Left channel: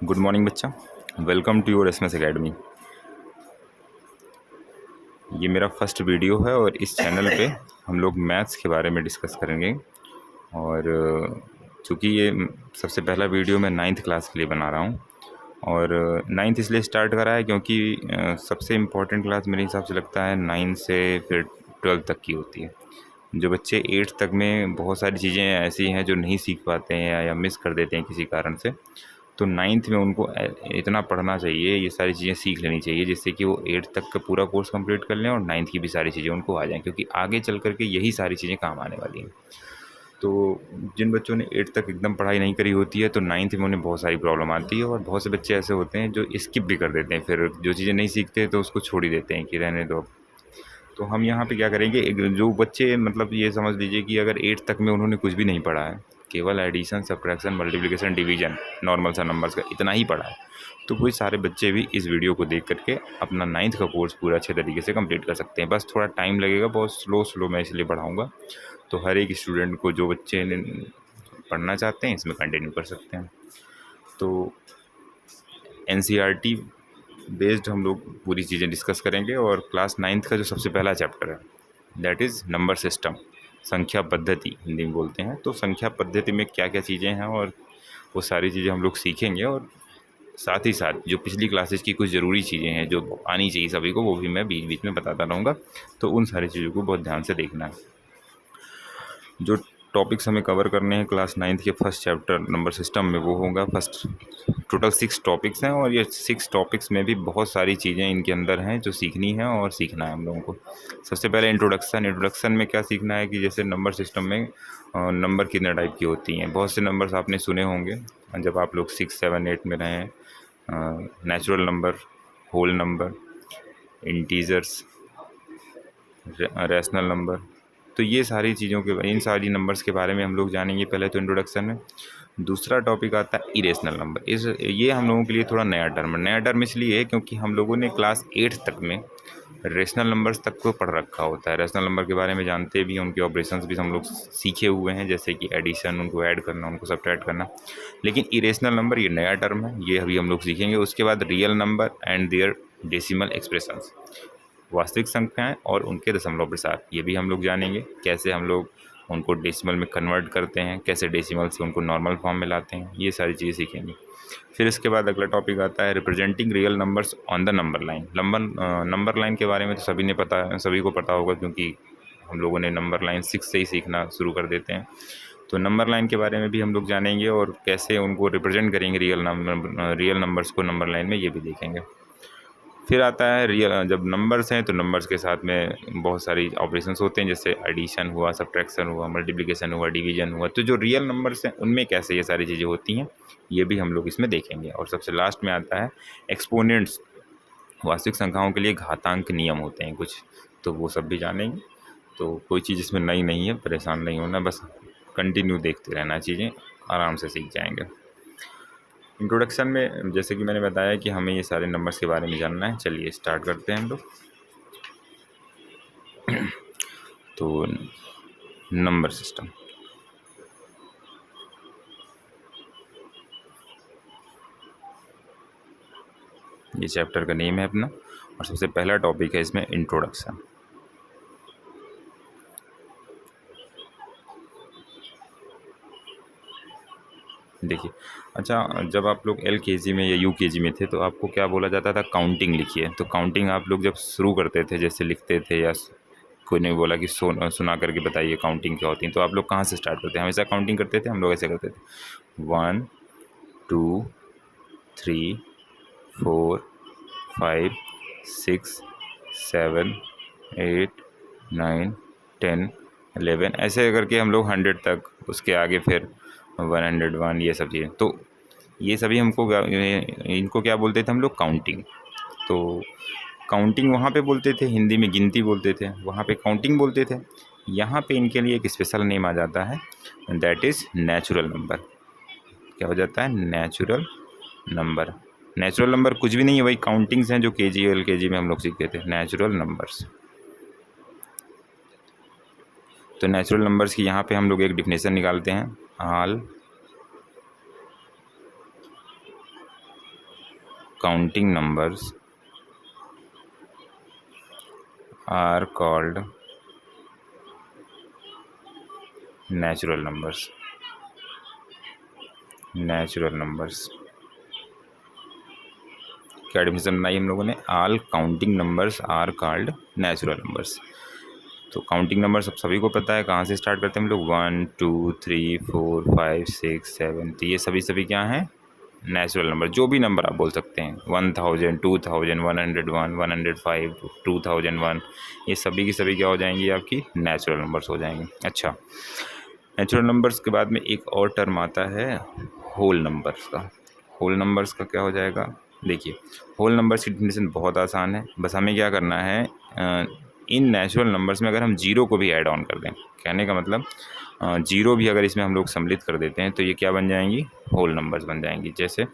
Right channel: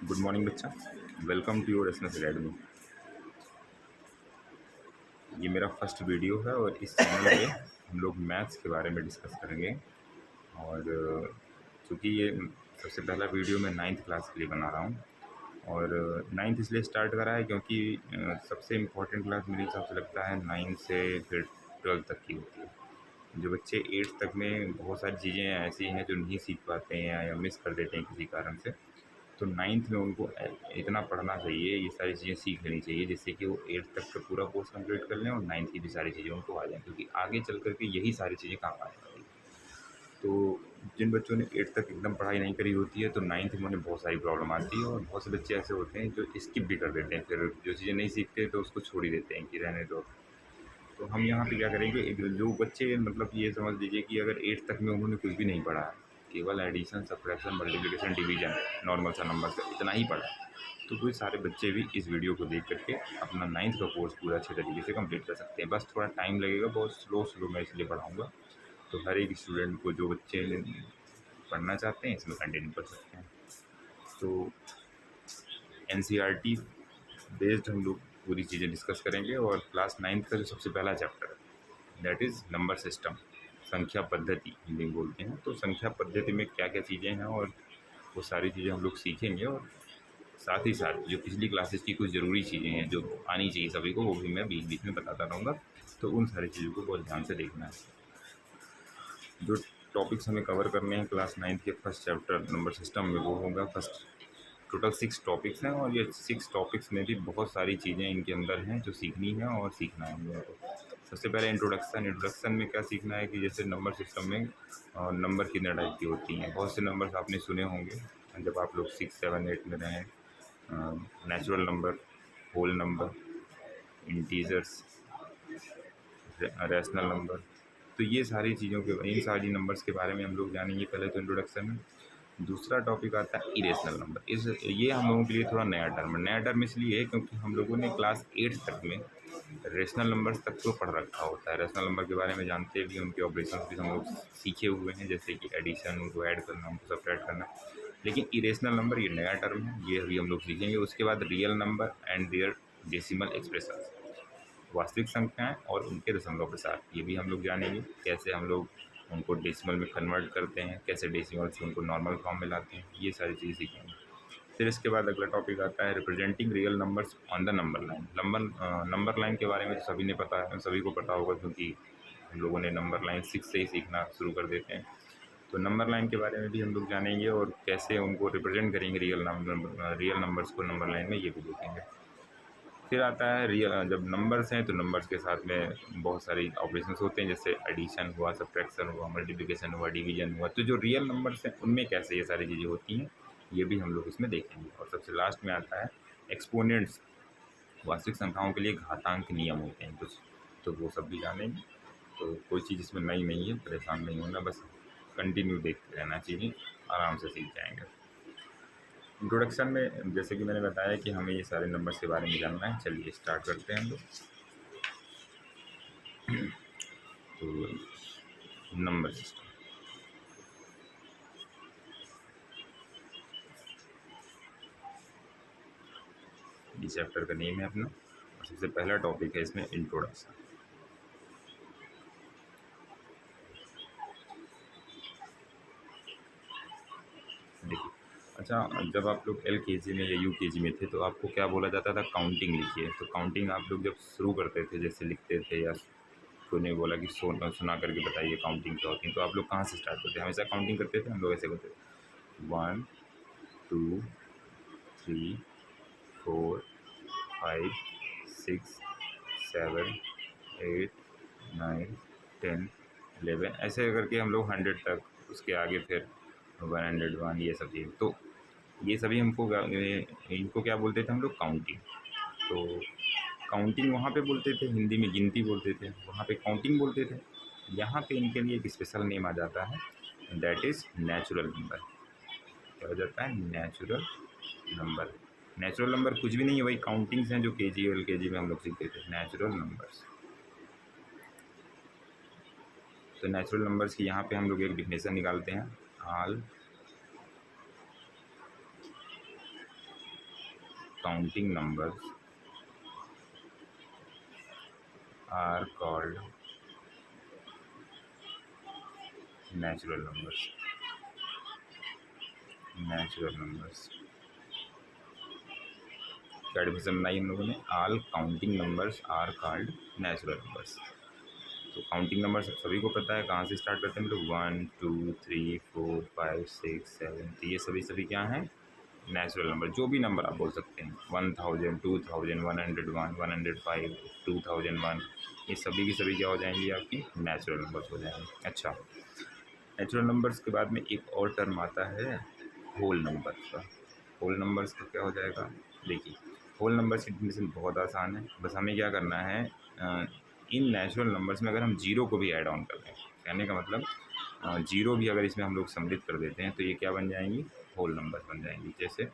Good morning बच्चा। Welcome to your SMS academy. ये मेरा फर्स्ट वीडियो है और इस चैनल पे हम लोग मैथ्स के बारे में डिस्कस करेंगे। और चूँकि ये सबसे पहला वीडियो मैं नाइन्थ क्लास के लिए बना रहा हूँ। और नाइन्थ इसलिए स्टार्ट करा है क्योंकि सबसे इम्पोर्टेंट क्लास मेरे हिसाब से लगता है नाइन्थ से फिर ट्वेल्थ तक की होती है। जो बच्चे एट्थ तक में बहुत सारी चीज़ें ऐसी हैं जो नहीं सीख पाते हैं या मिस कर देते हैं किसी कारण से, तो नाइन्थ में उनको इतना पढ़ना चाहिए, ये सारी चीज़ें सीख लेनी चाहिए जिससे कि वो एट्थ तक का पूरा कोर्स कंप्लीट कर लें और नाइन्थ की भी सारी चीज़ें उनको आ जाएँ, क्योंकि आगे चल कर के यही सारी चीज़ें काम आने वाली हैं। तो जिन बच्चों ने एट्थ तक एकदम पढ़ाई नहीं करी होती है तो नाइन्थ में उन्हें बहुत सारी प्रॉब्लम आती है, और बहुत से बच्चे ऐसे होते हैं जो स्किप भी कर देते हैं, फिर जो चीज़ें नहीं सीखते तो उसको छोड़ ही देते हैं कि रहने दो। तो हम यहाँ पे क्या करेंगे, एक जो बच्चे मतलब ये समझ लीजिए कि अगर एट्थ तक में उन्होंने कुछ भी नहीं पढ़ा है, केवल addition, subtraction, multiplication, division, normal सा नंबर्स का इतना ही पढ़ा है, तो वही सारे बच्चे भी इस वीडियो को देख करके अपना नाइन्थ का कोर्स पूरा अच्छे तरीके से कंप्लीट कर सकते हैं। बस थोड़ा टाइम लगेगा, बहुत स्लो मैं इसलिए पढ़ाऊँगा, तो हर एक स्टूडेंट को, जो बच्चे पढ़ना चाहते हैं, इसमें कंटिन्यू कर सकते हैं। तो एनसीईआरटी बेस्ड हम लोग पूरी चीज़ें डिस्कस करेंगे। और क्लास नाइन्थ का जो सबसे पहला चैप्टर है दैट इज़ नंबर सिस्टम, संख्या पद्धति हिंदी में बोलते हैं। तो संख्या पद्धति में क्या क्या चीज़ें हैं और वो सारी चीज़ें हम लोग सीखेंगे, और साथ ही साथ जो पिछली क्लासेस की कुछ ज़रूरी चीज़ें हैं जो आनी चाहिए सभी को, वो भी मैं बीच बीच में बताता रहूँगा। तो उन सारी चीज़ों को बहुत ध्यान से देखना है। जो टॉपिक्स हमें कवर करने हैं क्लास नाइन्थ के फर्स्ट चैप्टर नंबर सिस्टम में, वो होगा फर्स्ट। टोटल 6 टॉपिक्स हैं, और ये 6 टॉपिक्स में भी बहुत सारी चीज़ें इनके अंदर हैं जो सीखनी है और सीखना है हम लोगों को। सबसे पहले इंट्रोडक्शन में क्या सीखना है कि जैसे नंबर सिस्टम में नंबर कितने टाइप की होती हैं। बहुत से नंबर्स आपने सुने होंगे जब आप लोग 6, 7, 8 में रहें। Natural number, whole number, integers, rational number. तो ये सारी चीज़ों के, इन सारी नंबर्स के बारे में हम लोग जानेंगे पहले तो इंट्रोडक्शन में। दूसरा टॉपिक आता है इरेशनल नंबर। ये हम लोगों के लिए थोड़ा नया टर्म है। नया टर्म इसलिए है क्योंकि हम लोगों ने क्लास 8 तक में रेशनल नंबर्स तक को पढ़ रखा होता है। रेशनल नंबर के बारे में जानते भी, उनके ऑपरेशंस भी हम लोग सीखे हुए हैं, जैसे कि एडिशन, उनको ऐड करना, उनको सब्ट्रैक्ट करना। लेकिन इरेशनल नंबर ये नया टर्म है, ये अभी हम लोग सीखेंगे। उसके बाद real number and their decimal expressions, वास्तविक संख्याएं और उनके दशमलव प्रसार, ये भी हम लोग जानेंगे। कैसे हम लोग उनको डेसिमल में कन्वर्ट करते हैं, कैसे डेसिमल से उनको नॉर्मल फॉर्म में लाते हैं, ये सारी चीज़ें सीखेंगे। फिर इसके बाद अगला टॉपिक आता है representing real numbers on the number line. Number line के बारे में तो सभी को पता होगा, क्योंकि हम लोगों ने नंबर लाइन 6 से ही सीखना शुरू कर देते हैं। तो नंबर लाइन के बारे में भी हम लोग जानेंगे, और कैसे उनको रिप्रेजेंट करेंगे रियल नंबर्स को नंबर लाइन में, ये भी देखेंगे। फिर आता है जब नंबर्स हैं तो नंबर्स के साथ में बहुत सारी ऑपरेशंस होते हैं, जैसे एडिशन हुआ, सब्ट्रैक्शन हुआ, मल्टीप्लिकेशन हुआ, डिवीजन हुआ। तो जो रियल नंबर्स हैं उनमें कैसे ये सारी चीज़ें होती हैं, ये भी हम लोग इसमें देखेंगे। और सबसे लास्ट में आता है एक्सपोनेंट्स, वास्तविक संख्याओं के लिए घातांक नियम होते हैं कुछ, तो वो सब भी जानेंगे। तो कोई चीज़ इसमें नई नहीं है, परेशान नहीं होना, बस कंटिन्यू देखते रहना, चीज़ें आराम से सीख जाएंगे। इंट्रोडक्शन में जैसे कि मैंने बताया कि हमें ये सारे नंबर्स के बारे में जानना है। चलिए स्टार्ट करते हैं हम लोग। तो नंबर सिस्टम, ये चैप्टर का नेम है अपना, और सबसे पहला टॉपिक है इसमें इंट्रोडक्शन। देखिए, अच्छा, जब आप लोग LKG में या UKG में थे तो आपको क्या बोला जाता था, काउंटिंग लिखिए। तो काउंटिंग आप लोग जब शुरू करते थे, जैसे लिखते थे, या कोई ने बोला कि सुना करके बताइए काउंटिंग क्या होती है, तो आप लोग कहाँ से स्टार्ट करते हैं? हमेशा काउंटिंग करते थे हम लोग, ऐसे करते थे 1 2 3 4 5 6 7 8 9 10 11, ऐसे करके हम लोग 100 तक, उसके आगे फिर 101, ये सब चीज़ें। तो ये सभी इनको क्या बोलते थे हम लोग, काउंटिंग। तो काउंटिंग वहाँ पे बोलते थे, हिंदी में गिनती बोलते थे, वहाँ पे काउंटिंग बोलते थे। यहाँ पे इनके लिए एक स्पेशल नेम आ जाता है, दैट इज़ नेचुरल नंबर। क्या हो जाता है? Natural number. नेचुरल नंबर कुछ भी नहीं है, वही काउंटिंग्स हैं जो KG और LKG में हम लोग सीखते थे, नेचुरल नंबर्स। तो नेचुरल नंबर्स की यहाँ पे हम लोग एक डिफिनेशन निकालते हैं, all counting numbers are called natural numbers. Natural numbers क्या डिफिनेशन बनाई हम लोगों ने? All counting numbers are called natural numbers. तो काउंटिंग नंबर सभी को पता है, कहाँ से स्टार्ट करते हैं हम लोग? 1 2 3 4 5 6 7। तो ये सभी क्या हैं? Natural number. जो भी नंबर आप बोल सकते हैं, 1000 2000 101 105 2001, ये सभी की सभी क्या हो जाएंगी? आपकी नेचुरल नंबर्स हो जाएंगे। अच्छा, नेचुरल नंबर्स के बाद में एक और टर्म आता है होल नंबर्स का। होल नंबर्स का क्या हो जाएगा? देखिए, होल नंबर्स की डेफिनेशन बहुत आसान है। बस हमें क्या करना है, इन नेचुरल नंबर्स में अगर हम जीरो को भी ऐड ऑन कर दें, कहने का मतलब जीरो भी अगर इसमें हम लोग सम्मिलित कर देते हैं तो ये क्या बन जाएंगी? होल नंबर्स बन जाएंगी। जैसे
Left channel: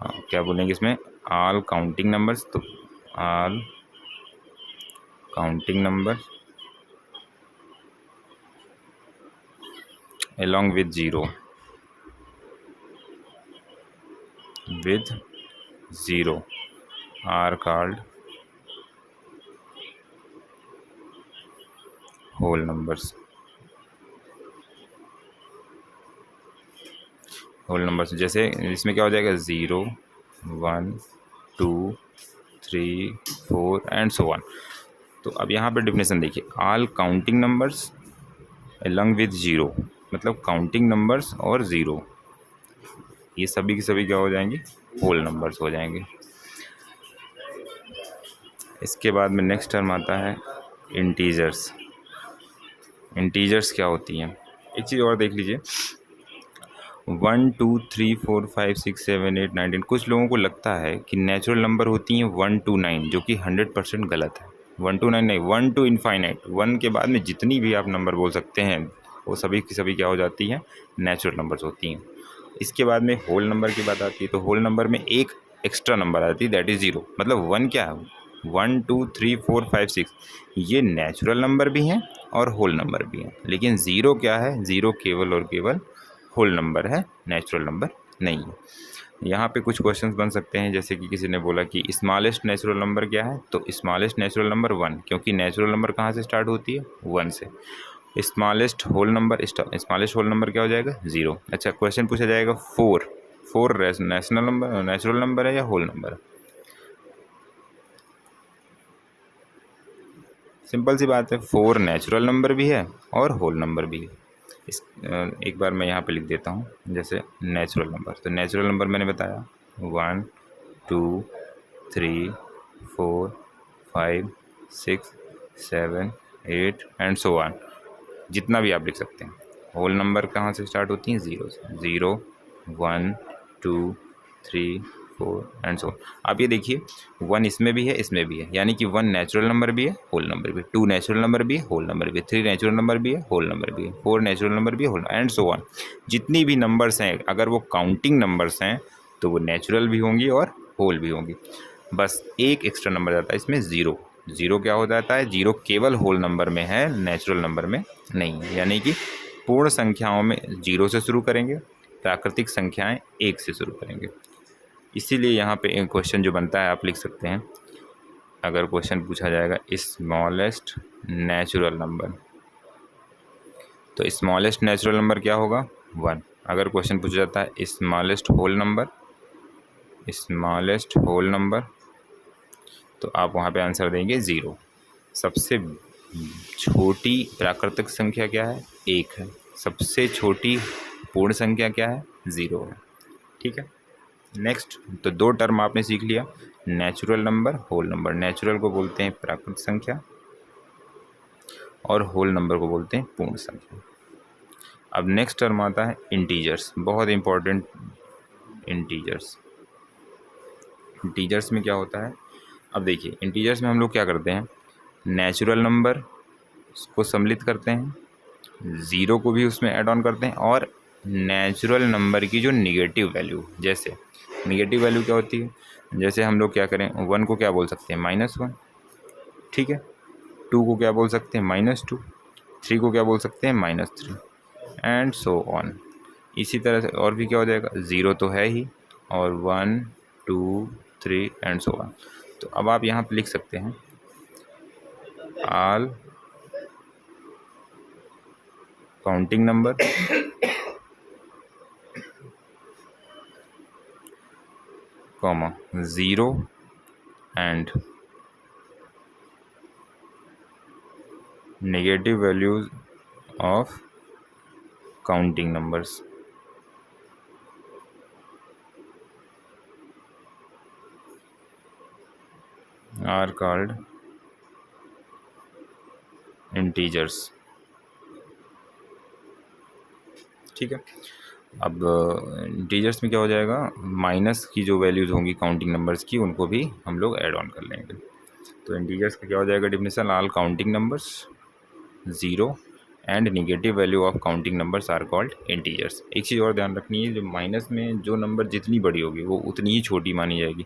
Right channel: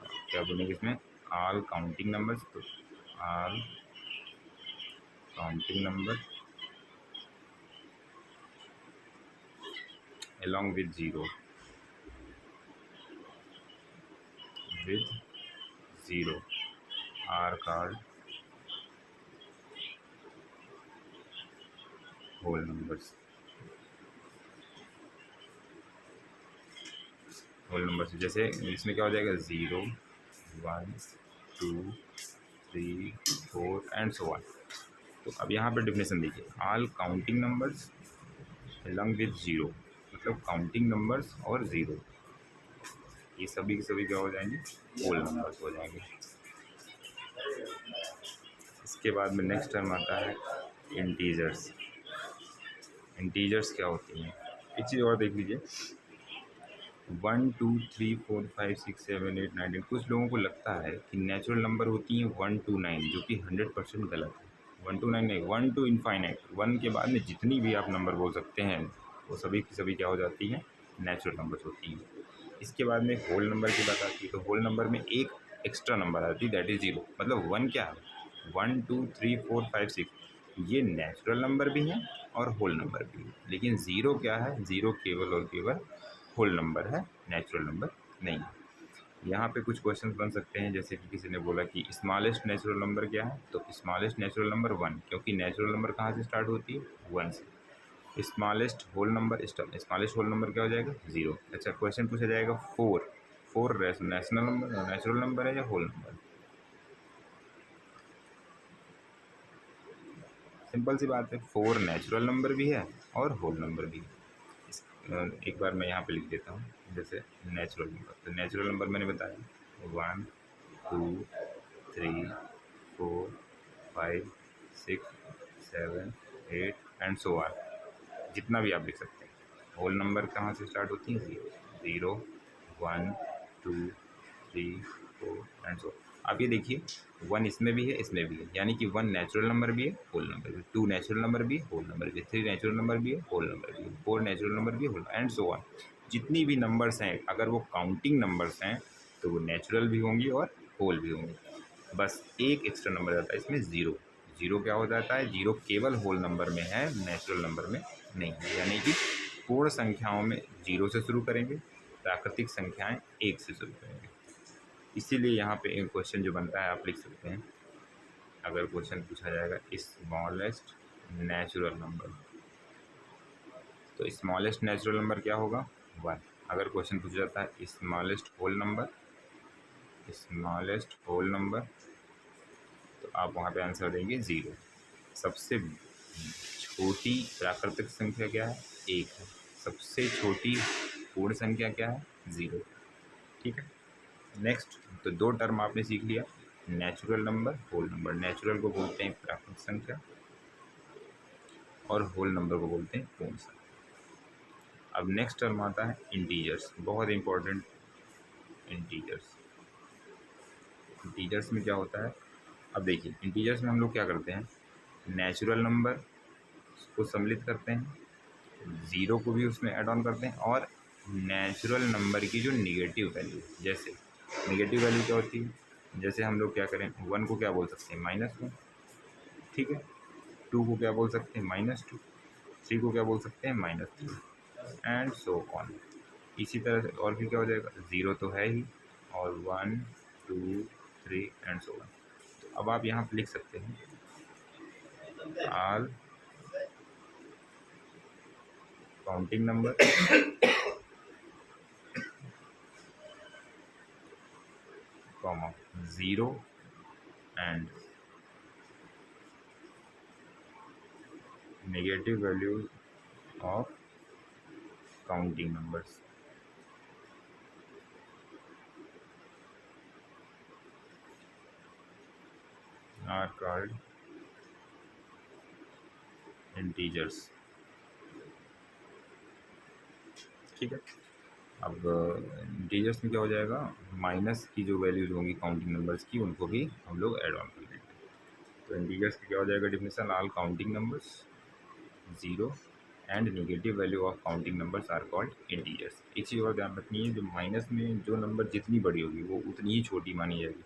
क्या बोलेंगे इसमें? All counting numbers. तो all counting number along with zero are called whole numbers. Whole numbers जैसे इसमें क्या हो जाएगा? 0 1 2 3 4 एंड सो ऑन। तो अब यहाँ पे डिफिनेशन देखिए, all counting numbers along with zero, मतलब काउंटिंग नंबर्स और ज़ीरो, ये सभी की सभी क्या हो जाएंगे? होल नंबर्स हो जाएंगे। इसके बाद में नेक्स्ट टर्म आता है इंटीजर्स। इंटीजर्स क्या होती हैं? एक चीज़ और देख लीजिए, 1 2 3 4 5 6 7 8 9 10। कुछ लोगों को लगता है कि नेचुरल नंबर होती हैं 1 to 9, जो कि 100% गलत है। 1 to 9 नहीं, 1 to इनफाइनाइट। 1 के बाद में जितनी भी आप नंबर बोल सकते हैं वो सभी की सभी क्या हो जाती हैं? नेचुरल नंबर्स होती हैं। इसके बाद में होल नंबर की बात आती है, तो होल नंबर में एक एक्स्ट्रा नंबर आती है, दैट इज़ ज़ीरो। मतलब 1 क्या है? 1 2 3 4 5 6 ये नेचुरल नंबर भी हैं और होल नंबर भी हैं। लेकिन ज़ीरो क्या है? ज़ीरो केवल और केवल होल नंबर है, नेचुरल नंबर नहीं है। यहाँ पे कुछ क्वेश्चंस बन सकते हैं, जैसे कि किसी ने बोला कि स्मॉलेस्ट नेचुरल नंबर क्या है? तो स्मॉलेस्ट नेचुरल नंबर 1, क्योंकि नेचुरल नंबर कहाँ से स्टार्ट होती है? 1 से। Smallest whole number, smallest whole number क्या हो जाएगा? 0। अच्छा, क्वेश्चन पूछा जाएगा 4 नेशनल नंबर, नेचुरल नंबर है या होल नंबर? सिंपल सी बात है, 4 नेचुरल नंबर भी है और होल नंबर भी है। एक बार मैं यहाँ पे लिख देता हूँ, जैसे नेचुरल नंबर। तो नेचुरल नंबर मैंने बताया 1 2 3 4 5 6 7 8 एंड सो ऑन, जितना भी आप लिख सकते हैं। होल नंबर कहाँ से स्टार्ट होती हैं? 0 से। 0 1 2 3 4 एंड सो। आप ये देखिए, 1 इसमें भी है, इसमें भी है, यानी कि 1 नेचुरल नंबर भी है, होल नंबर भी है। 2 नेचुरल नंबर भी है, होल नंबर भी है। 3 नेचुरल नंबर भी है, होल नंबर भी है। 4 नेचुरल नंबर भी है, होल एंड सो ऑन। जितनी भी नंबर्स हैं, अगर वो काउंटिंग नंबर्स हैं तो वो नेचुरल भी होंगी और होल भी होंगी। बस एक एक्स्ट्रा नंबर जाता है इसमें, ज़ीरो। ज़ीरो क्या हो जाता है? ज़ीरो केवल होल नंबर में है, नेचुरल नंबर में नहीं है। यानी कि पूर्ण संख्याओं में 0 से शुरू करेंगे, प्राकृतिक संख्याएं 1 से शुरू करेंगे। इसीलिए यहाँ पे एक क्वेश्चन जो बनता है, आप लिख सकते हैं, अगर क्वेश्चन पूछा जाएगा स्मॉलेस्ट नेचुरल नंबर, तो स्मॉलेस्ट नेचुरल नंबर क्या होगा? 1। अगर क्वेश्चन पूछा जाता है smallest whole number, smallest whole number, तो आप वहाँ पे आंसर देंगे 0। सबसे छोटी प्राकृतिक संख्या क्या है? 1 है। सबसे छोटी पूर्ण संख्या क्या है? 0 है। ठीक है। नेक्स्ट, तो 2 टर्म आपने सीख लिया, natural number, whole number. Natural को बोलते हैं प्राकृतिक संख्या और होल नंबर को बोलते हैं पूर्ण संख्या। अब नेक्स्ट टर्म आता है इंटीजर्स, बहुत इंपॉर्टेंट। इंटीजर्स, इंटीजर्स में क्या होता है? अब देखिए, इंटीजर्स में हम लोग क्या करते हैं, नेचुरल नंबर को सम्मिलित करते हैं, ज़ीरो को भी उसमें ऐड ऑन करते हैं, और नेचुरल नंबर की जो निगेटिव वैल्यू, जैसे निगेटिव वैल्यू क्या होती है? जैसे हम लोग क्या करें, 1 को क्या बोल सकते हैं? -1, ठीक है। 2 को क्या बोल सकते हैं? -2। 3 को क्या बोल सकते हैं? -3 एंड सो ऑन। इसी तरह से और भी क्या हो जाएगा, 0 तो है ही, और 1 2 3 एंड सो ऑन। तो अब आप यहाँ पे लिख सकते हैं all counting number comma 0 and negative values of counting numbers are called integers. ठीक है, अब इंटीजर्स में क्या हो जाएगा, माइनस की जो वैल्यूज़ होंगी काउंटिंग नंबर्स की उनको भी हम लोग ऐड ऑन कर लेंगे। तो इंटीजर्स का क्या हो जाएगा definition, all counting numbers 0 and negative value of counting numbers are called integers. एक चीज़ और ध्यान रखनी है, जो माइनस में जो नंबर जितनी बड़ी होगी वो उतनी ही छोटी मानी जाएगी।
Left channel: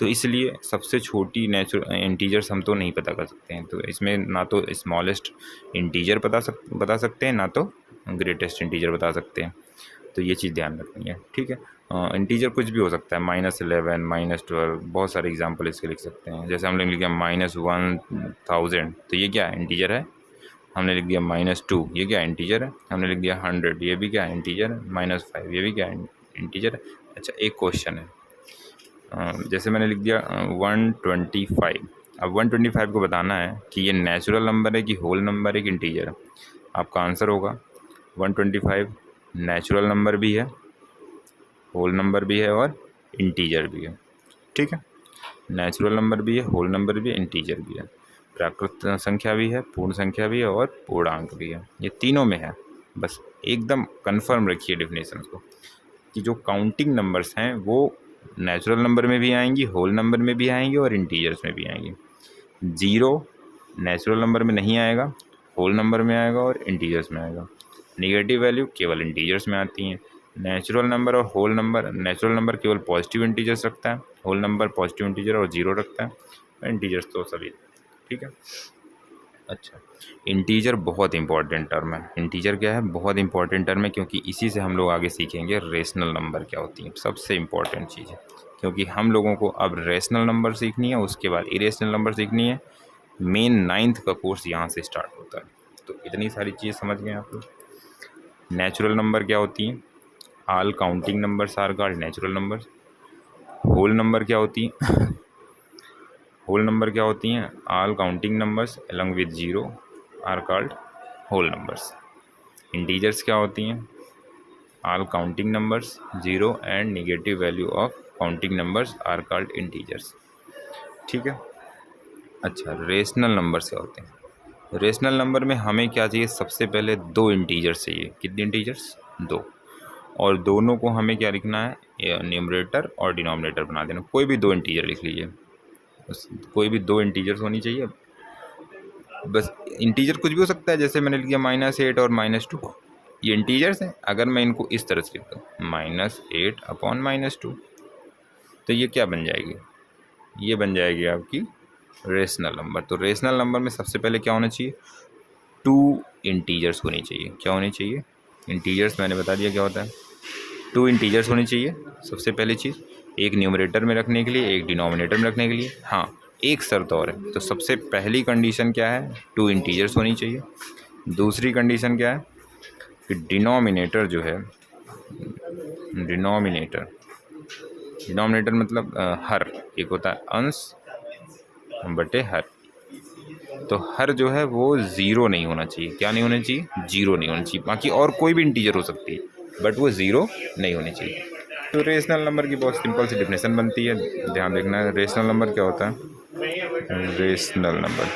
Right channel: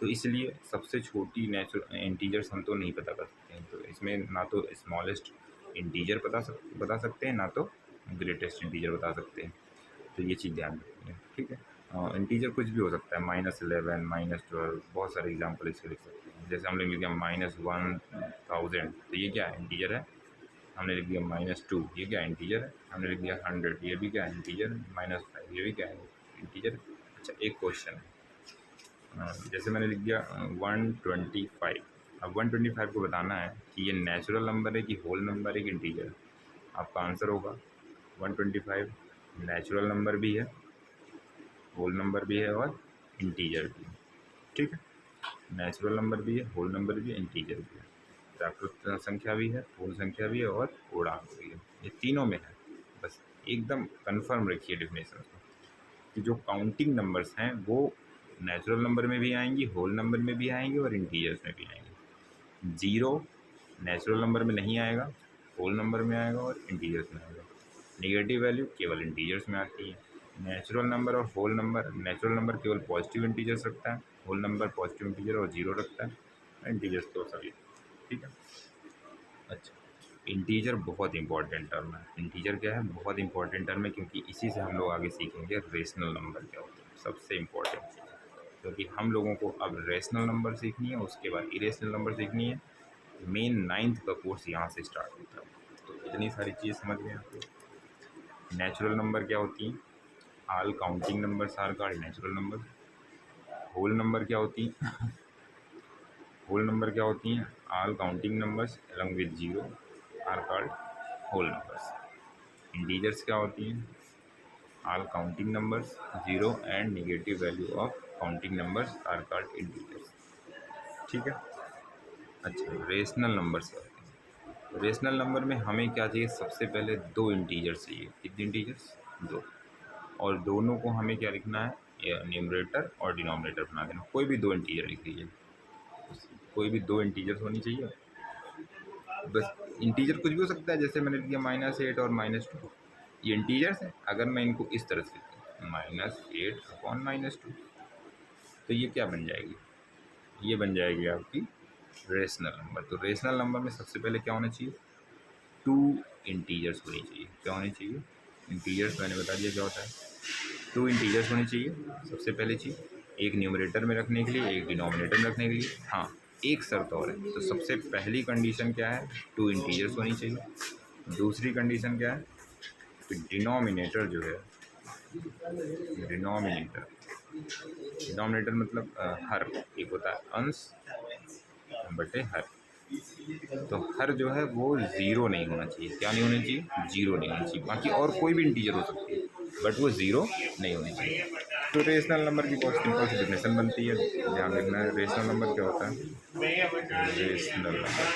तो इसलिए सबसे छोटी नेचुरल इंटीजर्स हम तो नहीं पता कर सकते हैं, तो इसमें ना तो स्मॉलेस्ट इंटीजर बता सकते हैं, ना तो ग्रेटेस्ट इंटीजर बता सकते हैं। तो ये चीज़ ध्यान रखनी है। ठीक है, इंटीजर कुछ भी हो सकता है, -11 -12, बहुत सारे एग्जांपल इसके लिख सकते हैं। जैसे हमने लिख दिया -1000, तो ये क्या है, इंटीजर है। हमने लिख दिया -2, ये क्या इंटीजर है। हमने लिख दिया 100, ये भी क्या इंटीजर है। -5, ये भी क्या इंटीजर है। अच्छा, एक क्वेश्चन है, जैसे मैंने लिख दिया 125। अब 125 को बताना है कि ये नेचुरल नंबर है कि होल नंबर है कि इंटीजर है। आपका आंसर होगा 125 नेचुरल नंबर भी है, होल नंबर भी है और इंटीजर भी है। ठीक है, नेचुरल नंबर भी है, होल नंबर भी है, इंटीजर भी है, प्राकृत संख्या भी है, पूर्ण संख्या भी है और पूर्णांक भी है। ये तीनों में है। बस एकदम कंफर्म रखिए डेफिनेशन को कि जो काउंटिंग नंबर्स हैं वो नेचुरल नंबर में भी आएंगी, होल नंबर में भी आएंगी और इंटीजर्स में भी आएंगी। 0 नेचुरल नंबर में नहीं आएगा, होल नंबर में आएगा और इंटीजर्स में आएगा। नेगेटिव वैल्यू केवल इंटीजर्स में आती हैं। नेचुरल नंबर और होल नंबर, नेचुरल नंबर केवल पॉजिटिव इंटीजर्स रखता है, होल नंबर पॉजिटिव इंटीजर और 0 रखता है, इंटीजर्स तो सभी। ठीक है, अच्छा, इंटीजर बहुत इंपॉर्टेंट टर्म है। इंटीजर क्या है, बहुत इंपॉर्टेंट टर्म है, क्योंकि इसी से हम लोग आगे सीखेंगे रेशनल नंबर क्या होती है, सबसे इंपॉर्टेंट चीज़ है। क्योंकि हम लोगों को अब रेशनल नंबर सीखनी है, उसके बाद इरेशनल नंबर सीखनी है। मेन 9th का कोर्स यहाँ से स्टार्ट होता है। तो इतनी सारी चीज़ समझ गए आप लोग। नेचुरल नंबर क्या होती हैं, all counting numbers are called natural number. Whole number क्या होती हैं होल नंबर क्या होती हैं, all counting numbers along with 0 are called whole numbers. Integers क्या होती हैं, all counting numbers 0 and negative value of counting numbers are called integers. ठीक है, अच्छा, रेशनल नंबर्स क्या होते हैं। रेशनल नंबर में हमें क्या चाहिए, सबसे पहले 2 इंटीजर्स चाहिए। कितने इंटीजर्स, 2। और दोनों को हमें क्या लिखना है, न्यूमरेटर और डिनोमिनेटर बना देना। कोई भी 2 इंटीजर लिख लीजिए, बस कोई भी 2 इंटीजर्स होनी चाहिए। बस इंटीजर कुछ भी हो सकता है, जैसे मैंने लिख दिया -8 और -2, ये इंटीजर्स हैं। अगर मैं इनको इस तरह से लिख दूँ -8/-2, तो ये क्या बन जाएगी, ये बन जाएगी आपकी रेशनल नंबर। तो रेशनल नंबर में सबसे पहले क्या होना चाहिए, 2 इंटीजर्स होनी चाहिए। क्या होनी चाहिए, इंटीजर्स मैंने बता दिया क्या होता है, 2 इंटीजर्स होनी चाहिए सबसे पहली चीज़, एक न्यूमरेटर में रखने के लिए, एक डिनोमिनेटर में रखने के लिए। हाँ, एक शर्त और है। तो सबसे पहली कंडीशन क्या है, 2 इंटीजर्स होनी चाहिए। दूसरी कंडीशन क्या है कि डिनोमिनेटर जो है, डिनोमिनेटर डिनोमिनेटर मतलब हर, एक होता है अंश बटे हर। तो हर जो है वो 0 नहीं होना चाहिए। क्या नहीं होना चाहिए, 0 नहीं होना चाहिए। बाकी और कोई भी इंटीजर हो सकती है, बट वो 0 नहीं होनी चाहिए। तो रेशनल नंबर की बहुत सिंपल सी डेफिनेशन बनती है, ध्यान देखना है। रेशनल नंबर क्या होता है, रेशनल नंबर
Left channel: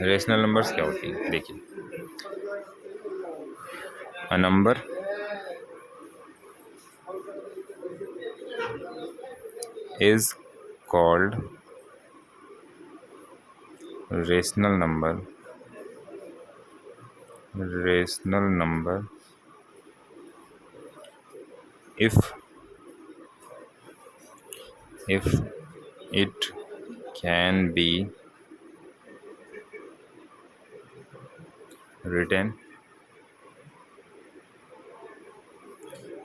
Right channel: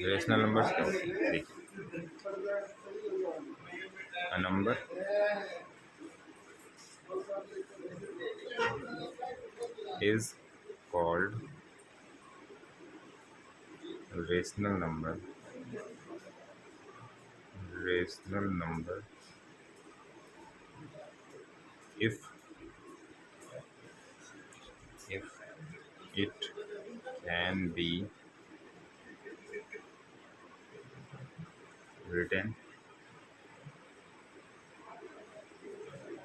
रेशनल नंबर्स क्या होती है, देखिए, a number is called rational number if it can be written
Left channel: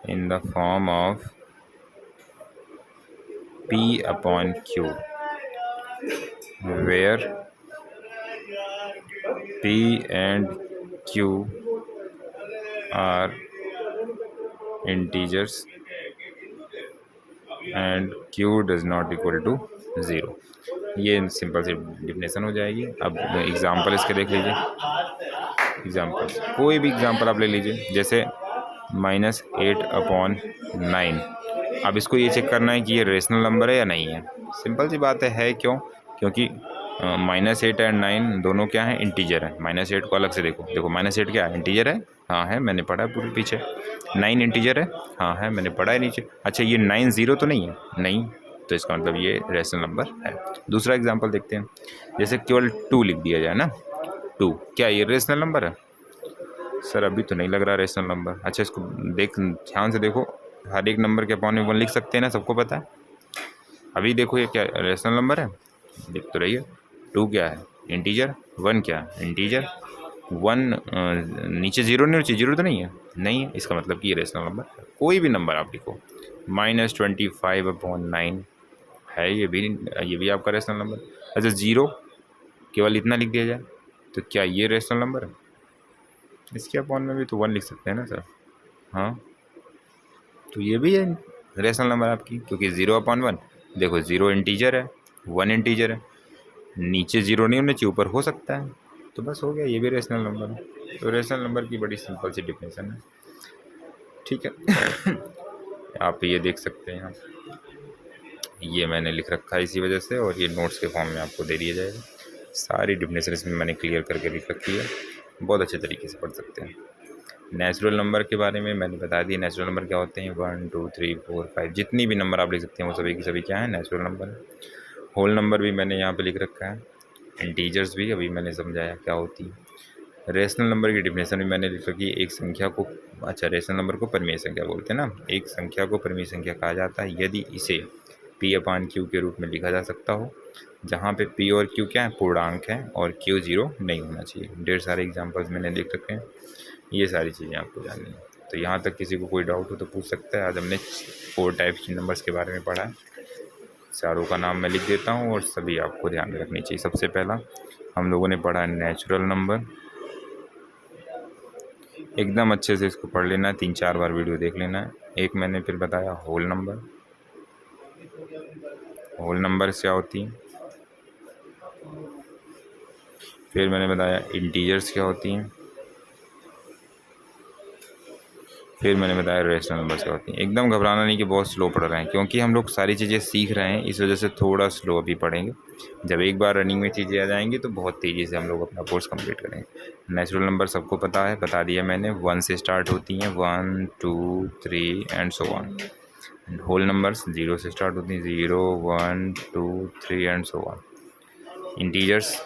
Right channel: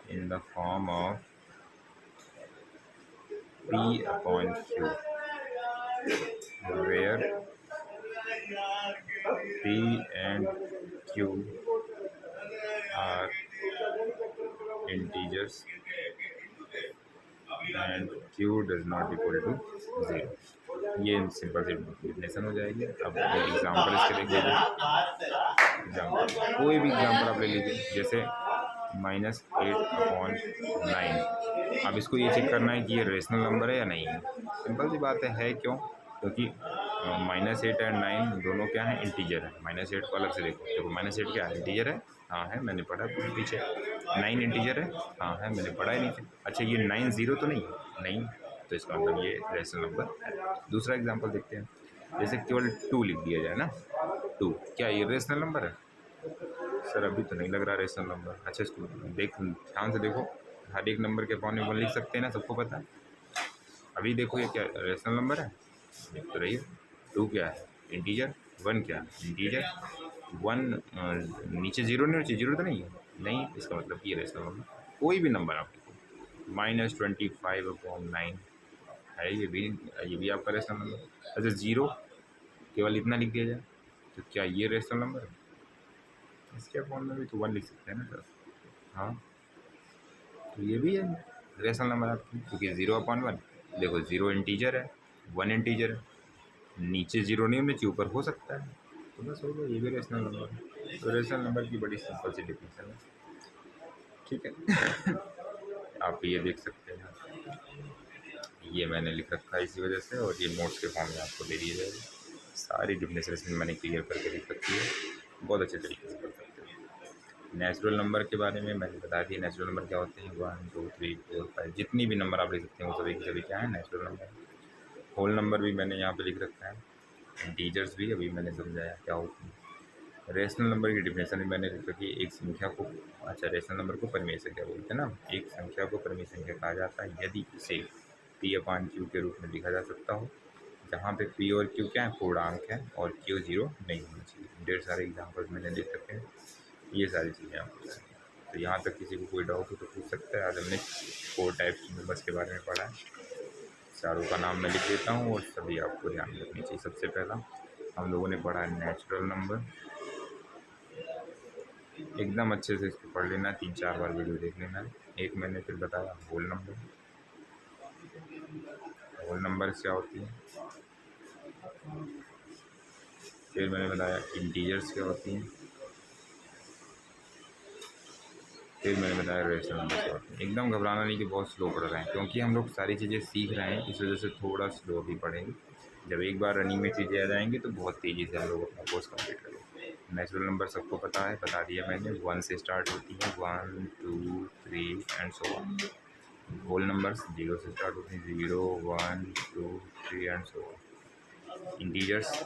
in the form of P upon Q, where P and Q are integers and Q does not equal to 0। ये simple सी definition हो जाएगी। अब example इसके देख लीजिए। Example कोई भी example आप ले लीजिए, जैसे -8/9। अब इसको ये चेक करना है कि ये रेशनल नंबर है या नहीं है। सिंपल सी बात है क्यों? क्योंकि -8 एंड 9 दोनों क्या है, इंटीजर है। -8 को अलग से देखो, देखो -8 क्या है, इंटीजर है, हाँ है, मैंने पढ़ा है पूरे पीछे। 9 इंटीजर है, हाँ है, मैंने पढ़ा है नीचे। अच्छा ये 9 0 तो नहीं है, नहीं, तो इसका मतलब ये रेशनल नंबर है। दूसरा एग्जांपल देखते हैं, जैसे केवल 2 लिख दिया जाए ना, 2, क्या ये रेशनल नंबर है? सर अभी तो नहीं लग रहा रेशनल नंबर। अच्छा इसको ध्यान से देखो, हर एक नंबर के अपॉन में 1 लिख सकते हैं ना, सबको पता है। अभी देखो ये क्या रेशनल नंबर है, देख तो रही है। 2 क्या है, इंटीजर। 1 क्या है, इंटीजर। 1 नीचे 0 नहीं होनी, 0 तो नहीं है, नहीं है, इसका मतलब कि ये रेशनल नंबर है। कोई भी नंबर आप लिखो, -25/9 है, ये भी आपका रेशनल नंबर। अच्छा 0 केवल इतना लिख दिया जाए तो क्या ये रेशनल नंबर है? इसके अपॉन में भी तो 1 लिख सकते हैं ना सर, हाँ, तो ये भी है रेशनल नंबर आपकी, क्योंकि 0/1। देखो 0 इंटीजर है, 1 इंटीजर है, नीचे 0 नहीं होना चाहिए, ऊपर हो सकता है, तो बस हो गया, ये भी रेशनल नंबर है। तो रेशनल नंबर की बड़ी सिंपल सी डिफिनेशन है, ठीक है। आप ये देख सकते हैं, यहाँ ये मैंने लिख रखा है इसी वजह से, और ये नोट्स के फॉर्म में आपको दे दिया जाएगा। सारी डिफिनेशन इसमें मैंने क्लियर करके लिख रखी है, बहुत अच्छे तरीके से पढ़ सकते हैं। नेचुरल नंबर के बारे में मैंने बता दिया, नेचुरल नंबर क्या होते हैं, 1 2 3 4 5, जितनी भी नंबर आप लिख सकते हैं वो सभी की सभी क्या है, नेचुरल नंबर है। होल नंबर भी मैंने यहाँ पे लिख रखा है, इंटीजर्स भी अभी मैंने समझाया क्या होती है। रेशनल नंबर की डिफिनेशन भी मैंने लिख रखी है, एक संख्या को, अच्छा रेशनल नंबर को परिमेय संख्या बोलते हैं ना, एक संख्या को परिमेय संख्या कहा जाता है यदि इसे P/Q के रूप में लिखा जा सकता हो, जहाँ पे P और Q क्या है, पूर्णांक है, और Q 0 नहीं होना चाहिए। ढेर सारे एग्जांपल्स मैंने लिख रखे हैं, ये सारी चीज़ें आपको जाननी है। तो यहाँ तक किसी को कोई डाउट हो तो पूछ सकता है। आज हमने 4 टाइप्स के नंबर्स के बारे में पढ़ा है, चारों का नाम मैं लिख देता हूँ और सभी आपको ध्यान में रखनी चाहिए। सबसे पहला हम लोगों ने पढ़ा नेचुरल नंबर, एकदम अच्छे से इसको पढ़ लेना है, 3-4 बार वीडियो देख लेना है। एक मैंने फिर बताया होल नंबर, होल नंबर्स क्या होती हैं। फिर मैंने बताया इंटीजर्स क्या होती हैं। फिर मैंने बताया रेशनल नंबर्स क्या होती हैं। एकदम घबराना नहीं कि बहुत स्लो पढ़ रहे हैं, क्योंकि हम लोग सारी चीज़ें सीख रहे हैं, इस वजह से थोड़ा स्लो अभी पढ़ेंगे। जब एक बार रनिंग में चीज़ें आ जाएंगी तो बहुत तेज़ी से हम लोग अपना कोर्स कंप्लीट करेंगे। नेचुरल नंबर सबको पता है, बता दिया मैंने, 1 से स्टार्ट होती हैं, 1 2 3 and so on. Whole numbers 0 से स्टार्ट होती हैं, 0 1 2 3 एंड सो ऑन। इंटीजर्स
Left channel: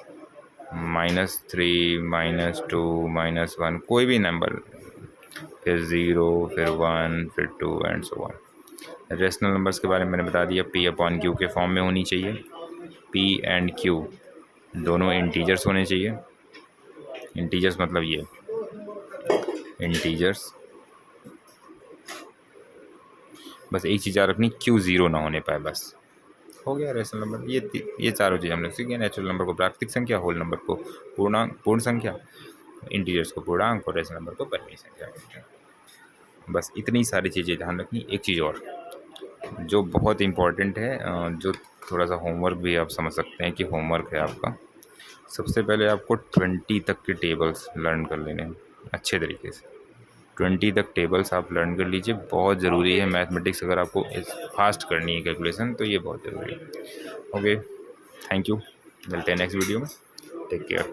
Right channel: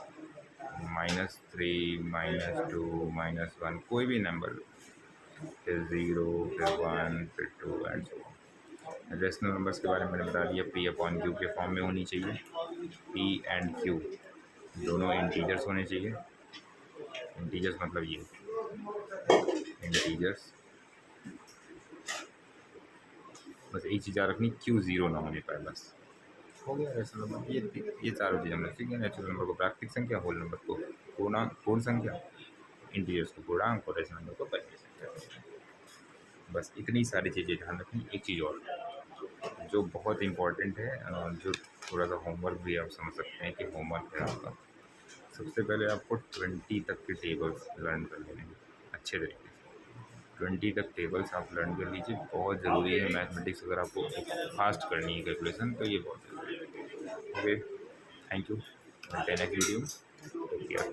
-3 -2 -1, कोई भी नंबर, फिर 0 फिर 1 फिर 2 and so on. Rational numbers के बारे में मैंने बता दिया, P/Q के फॉर्म में होनी चाहिए। P एंड Q दोनों इंटीजर्स होने चाहिए। इंटीजर्स मतलब ये इंटीजर्स, बस एक चीज़ याद रखनी, Q 0 ना होने पाए, बस हो गया रेशनल नंबर। ये चारों चीज़ हमने सीखी। नेचुरल नंबर को प्राकृतिक संख्या, होल नंबर को पूर्ण संख्या, इंटीजर्स को पूर्णांक, और रेशनल नंबर को परिमेय संख्या। बस इतनी सारी चीज़ें ध्यान रखनी। एक चीज़ और जो बहुत इम्पॉर्टेंट है, जो थोड़ा सा होमवर्क भी आप समझ सकते हैं कि होमवर्क है आपका, सबसे पहले आपको 20 तक के टेबल्स लर्न कर लेने हैं अच्छे तरीके से। 20 तक टेबल्स आप लर्न कर लीजिए, बहुत ज़रूरी है। मैथमेटिक्स अगर आपको फास्ट करनी है कैलकुलेशन, तो ये बहुत ज़रूरी है। ओके, थैंक यू, मिलते हैं नेक्स्ट वीडियो में, टेक केयर।